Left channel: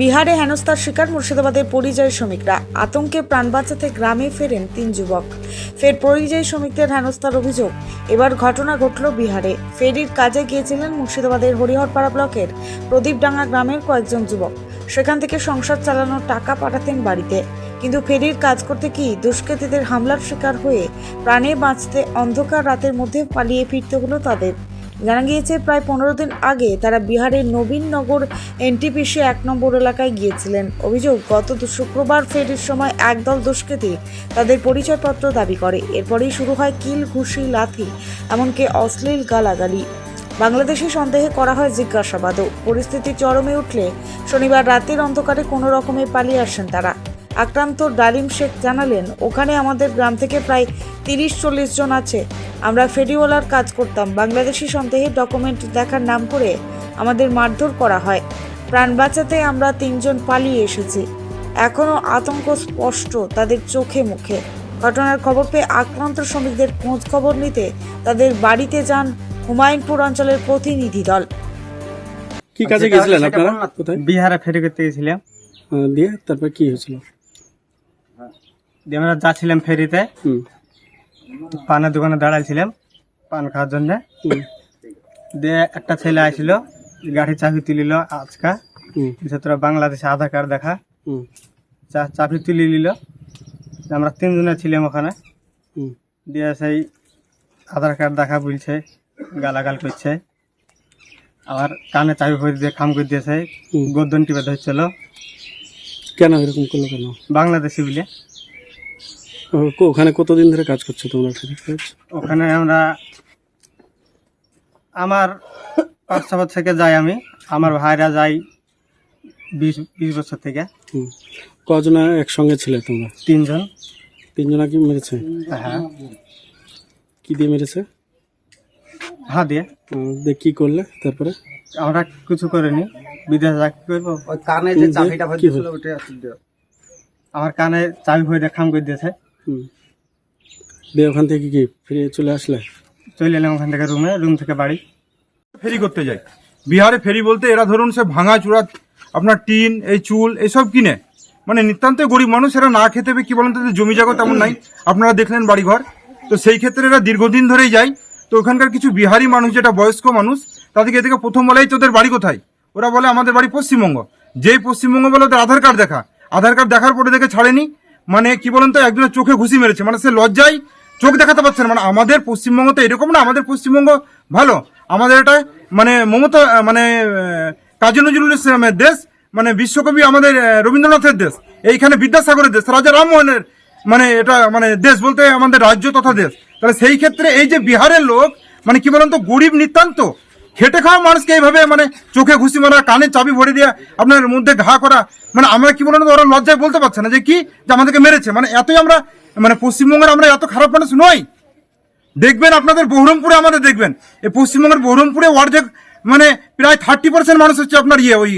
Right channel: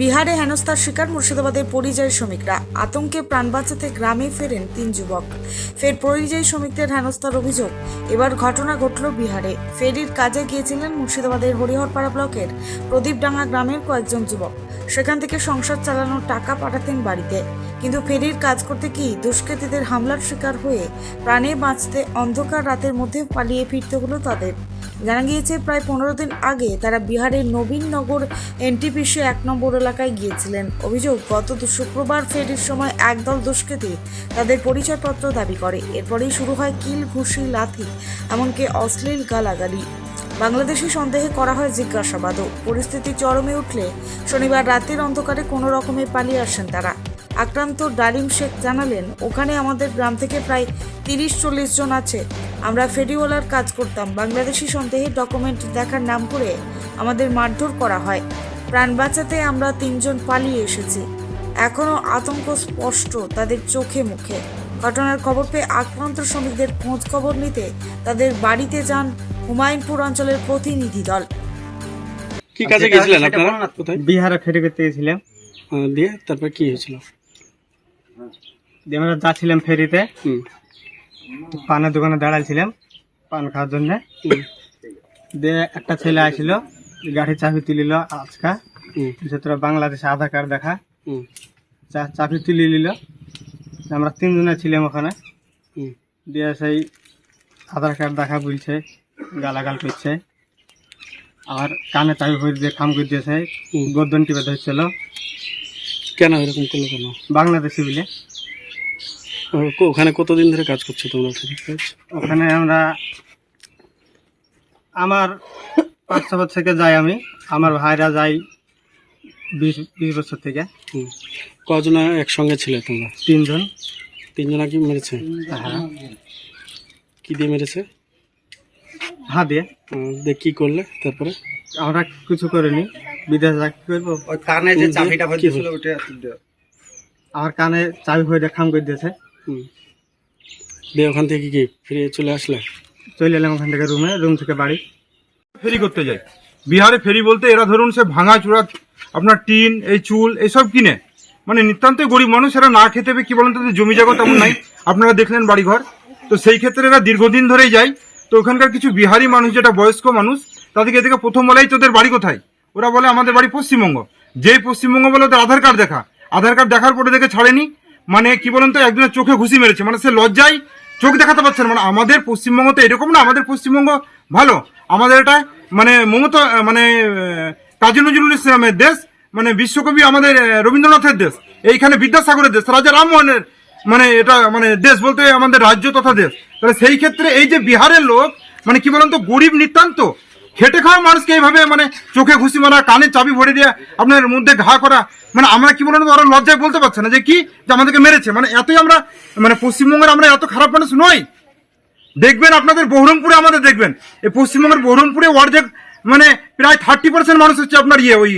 বিহারে হেনস্থার শিকার মুর্শিদাবাদের পরিযায়ী শ্রমিকরা। আতঙ্কে প্রাণ বাঁচাতে গ্রামে ফেরেন তিন যুবক। ফের পরিযায়ী শ্রমিকদের হেনস্থার অভিযোগ। এবার ঘটনা ঘটল বিহারে। ফেরির কাজে গিয়েছিলেন মুর্শিদাবাদের হরিহরপাড়া ব্লকের প্রদীপডাঙ্গা গ্রামের কয়েকজন যুবক। সেখান থেকে সংসার চালানোর টাকা পাঠাতেন বাড়িতে। কিন্তু ফেরির কাজ করতে কি দুষ্কৃতীদের হামলার শিকার হয়ে প্রাণে বাঁচতে অন্ধকার রাতের মধ্যে পালিয়ে ফিরতে হলো তাদের? জানা গিয়েছে, প্রায় পনেরো দিন আগে তারা বিহারের নবীননগর এনটিপিসি এক নম্বর এলাকায় গিয়েছিলেন। অভিযোগ, গত শুক্রবার ফেরির সময় একদল দুষ্কৃতী তাদের পরিচয়পত্র দাবি করে। এরপরেই শুরু হয় কিল, ঘুষি, লাথি, এমনকি অশ্লীল গালাগালি। বাংলাদেশে সন্দেহে করা হয় জিজ্ঞাসাবাদও। পরিস্থিতি চরমে উঠলে শনিবার রাতের অন্ধকারে কোনো রকমে পালিয়ে আসেন তারা। আক্রান্ত ডালিম শেখ জানালেন, ওখানে আমাদের গ্রাম থেকে প্রায় তিরিশ চল্লিশ জন আছে। আমরা ফেরিওয়ালার কাজ করতাম। বাংলাদেশি সন্দেহে ডকুমেন্ট দেখার নাম করে আমাদের মারধর করা হয়। প্রাণ বাঁচাতে আমরা তিনজন পালিয়ে এসেছি। এখনও আতঙ্ক স্পষ্ট তাদের চোখে মুখে। ঘটনার খবর পেয়ে আক্রান্ত শ্রমিকদের খোঁজ খবর নিতে তাদের বাড়িতে যান হুমায়ুনপুর অঞ্চলের প্রতিনিধি দল। কি কাজে গেছিলেন আপনারা? কোথায়? বিহারে ফেরি করতে গেছিলাম। দিয়ে তারপর কি হয়েছিল? দিয়ে আমরা যাচ্ছিলাম ফেরিতে। পানের দোকানে দাঁড়াইছিলাম পান খাওয়ার জন্য। দিয়ে একটা ছেলে আসছিল গাড়ি চাবি তুলিল আজকা। হুম, তোরা বাংলাদেশে আধার কার্ড দেখা। হুম, চা- চাবি তুলি নিল। আমরা তিনজনে ছিলাম ওখানে। দিয়ে সেই আধার কার্ড দেখা বলছে গালাগাল করছে। আর কানে চাবি করে দিয়ে খাম করে দিয়েছে। গর্দন টিপে ধরছিল। কেন এরকম করল কেন? বাংলাদেশি বলে। ওখানে কতদিন ধরে কাজ করছ তোমরা ওখানে আমরা আমার পাঁচ ছ বছর থেকে যাই আমি। আমার ভাইরা যাই বিশ বিশ বছর থেকে। কজনা একসঙ্গে ছিলে তোমরা? তিনজন। তিনজনা কি মেরেছে? হ্যাঁ। কি দিয়ে মেরেছে? হ্যাঁ দিয়ে। দিয়ে কি করলে তারপরে? আমরা কিছু করিনি। বিদেশ যা কি করব কানে যে চাবিটা ভরে আমার কানে চাবি হয়ে খাম করে দিয়েছে। দিয়ে ওখান থেকে কি ফিরে চলে আসলে? চলে এলাম ওখান থেকে রুমে রুম থেকে বাড়ি। ফেরি করতে যায় বিহারে ফেরি বলতে এরা ধরুন সে ভাঙা চূড়া আপনার টিন এই চুল এসব কিনে। মানে নিতান্ত গরিব মানুষ এরা না খেতে পেয়ে কি বলেন তাদের জমি জায়গা তেমন নাই। আপনারা দেখলেন বাড়িঘর। তো সেই ক্ষেত্রে এরা দীর্ঘদিন ধরেই যায়। তো ওখানকার কিছু বিহারি মানুষ যেটা বয়স্ক মানুষ তাদেরকে এদিকে প্রথম বলাই তোদের বাড়ি কোথায়? ওরা বলে আমাদের বাড়ি পশ্চিমবঙ্গ। যেই পশ্চিমবঙ্গ বলে ওদের আধার কার্ড দেখা। আধার কার্ড দেখার পরে দেখে ছাড়েনি। মানে কি বলেন তো, একজনের চোখে ঘুষি মেরেছে মানে সে লজ্জায় চোখ দেখাতে পারছে না। মানে আমাদের পশ্চিমবঙ্গ তো এরকম না, আমাদের পশ্চিমবঙ্গ ভালো। আমাদের এটা মানে মমতা মানে কাজী নজরুল ইসলামের দেশ মানে বিশ্বকবি আমাদের রবীন্দ্রনাথের দেশ, এইখানে বিদ্যাসাগরের দেশ, রাজা রামমোহনের মানে এটা মানে দেশ বলতে আমাদের রাজ্য তথা দেশ। তাহলে সেই ক্ষেত্রে এই যে বিহারের লোক মানে কি বলেন তো, গরিব নিতান্ত খেটে খাওয়া মানুষকে এইভাবে মানে চোখে ঘুষি মারা, কানে চাবি ভরে দেওয়া আপনার মধ্যে ঘা করা মানে আমরা কি বলেন ওরা লজ্জায় বলতে পারছে না যে কি যে আমাদেরকে মেরেছে। মানে এতই আমরা মানে পশ্চিমবঙ্গের আমরা এত খারাপ মানুষ নই। দেখবেন আপনাদের বহরমপুরে আমাদের দেখবেন। এই পশ্চিমবঙ্গের বহরমপুরে অর্ধেক মানে প্রায় থার্টি পার্সেন্ট মানুষ হচ্ছে আপনার ইয়ে ওই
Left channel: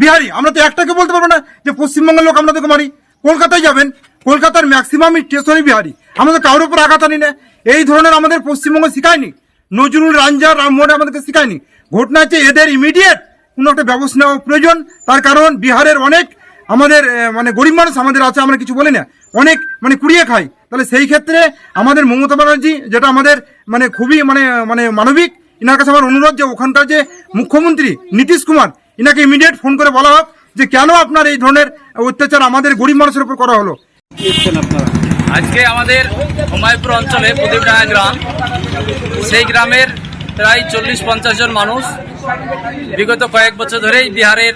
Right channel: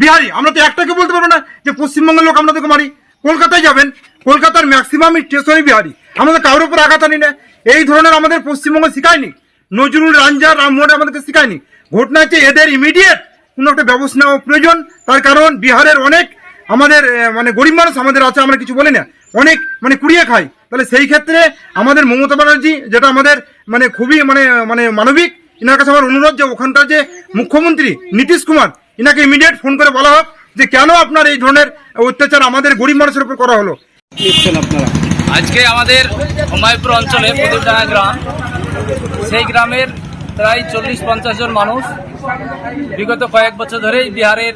বিহারি। আমরা তো একটাকে বলতে পারব না যে পশ্চিমবঙ্গের লোক আপনাদেরকে মারি। কলকাতায় যাবেন, কলকাতার ম্যাক্সিমাম স্টেশনই বিহারি। আমাদের কারোর উপর আঘাত আনি না। এই ধরনের আমাদের পশ্চিমবঙ্গ শিখায়নি। নজরুল রাঞ্জা রামমোহন আমাদেরকে শিখায়নি। ঘটনা হচ্ছে এদের ইমিডিয়েট কোনো একটা ব্যবস্থা নেওয়া প্রয়োজন। তার কারণ বিহারের অনেক আমাদের মানে গরিব মানুষ আমাদের আছে, আমরা কিছু বলি না। অনেক মানে কুড়িয়ে খাই তাহলে সেই ক্ষেত্রে আমাদের মমতা ব্যানার্জি যেটা আমাদের মানে খুবই মানে মানে মানবিক, ইনার কাছে আমার অনুরোধ যে ওখানকার যে মুখ্যমন্ত্রী নীতিশ কুমার, ইনাকে ইমিডিয়েট ফোন করে বলা হোক যে কেন আপনার এই ধরনের অত্যাচার আমাদের গরিব মানুষের উপর করা হলো। আজকে আমাদের হুমায়ুপুর অঞ্চলে প্রদীপডাঙ্গা গ্রাম সেই গ্রামের প্রায় চল্লিশ পঞ্চাশ জন মানুষ বিগত কয়েক বছর ধরেই বিহারের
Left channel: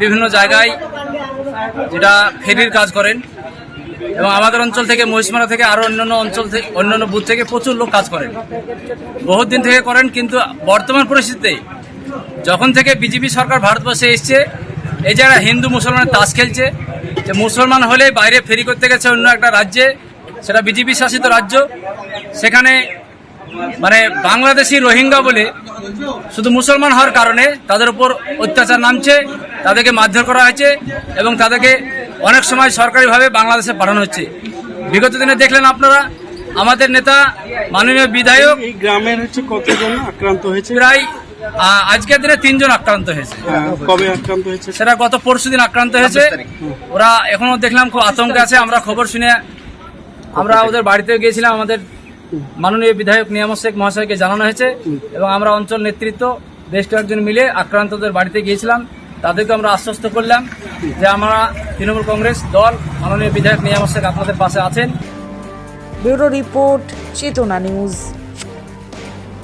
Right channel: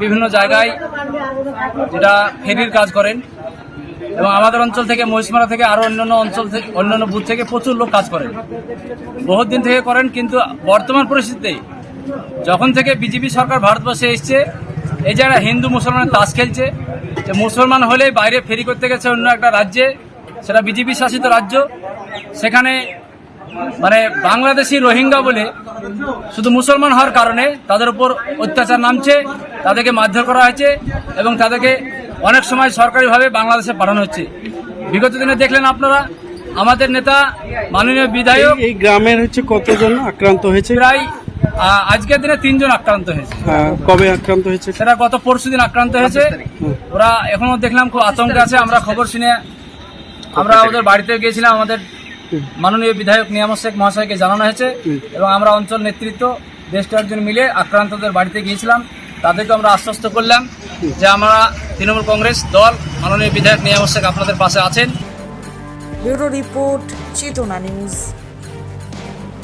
বিভিন্ন জায়গায় যেটা ফেরির কাজ করেন এবং আমাদের অঞ্চল থেকে মহিষমারা থেকে আরও অন্যান্য অঞ্চল থেকে, অন্যান্য বুথ থেকে প্রচুর লোক কাজ করেন। বহুত দিন থেকে করেন, কিন্তু বর্তমান পরিস্থিতিতে যখন থেকে বিজেপি সরকার ভারতবর্ষে এসছে, এই যারা হিন্দু মুসলমানের তাস খেলছে, যে মুসলমান হলে বাইরে ফেরি করতে গেছে অন্য একটা রাজ্যে, সেটা বিজেপি শাসিত রাজ্য, সেখানে মানে বাংলাদেশি রোহিঙ্গা বলে শুধু মুসলমান হওয়ার কারণে তাদের উপর অত্যাচার নামছে তাদেরকে মারধর করা হয়েছে এবং তাদেরকে অনেক সময় সরকারিভাবে বাংলাদেশে পাঠানো হচ্ছে। বিগত দিনে দেখলেন আপনারা আমাদের নেতা মাননীয় বিধায়ক এই গ্রামের হচ্ছে কতজন আক্রান্ত হয়েছে? প্রায় আজকের দিনে তিনজন আক্রান্ত হয়েছে। কবে আক্রান্ত হয়েছে? সেটা গত পরশু দিন আক্রান্ত হয়েছে। ওরা এখনও দেখলাম খুব আতঙ্কে আছে আমরা খবর শুনে আমরা ওদের বাড়িতে গিয়েছিলাম আমাদের মাননীয় বিধায়ক নিয়ামত শেখ মহাশয়কে জানানো হয়েছে এবং আমরা অঞ্চল নেতৃত্ব বেশ কয়েকজন মিলে আক্রান্তদের বাড়িতে গিয়েছিলাম। তাদেরকে আমরা আশ্বস্ত করলাম যে আমরা তৃণমূল কংগ্রেস দল মাননীয় বিধায়ক নিয়ামত শেখ আপনাদের পাশে আছেন। Bureau report Chetana news.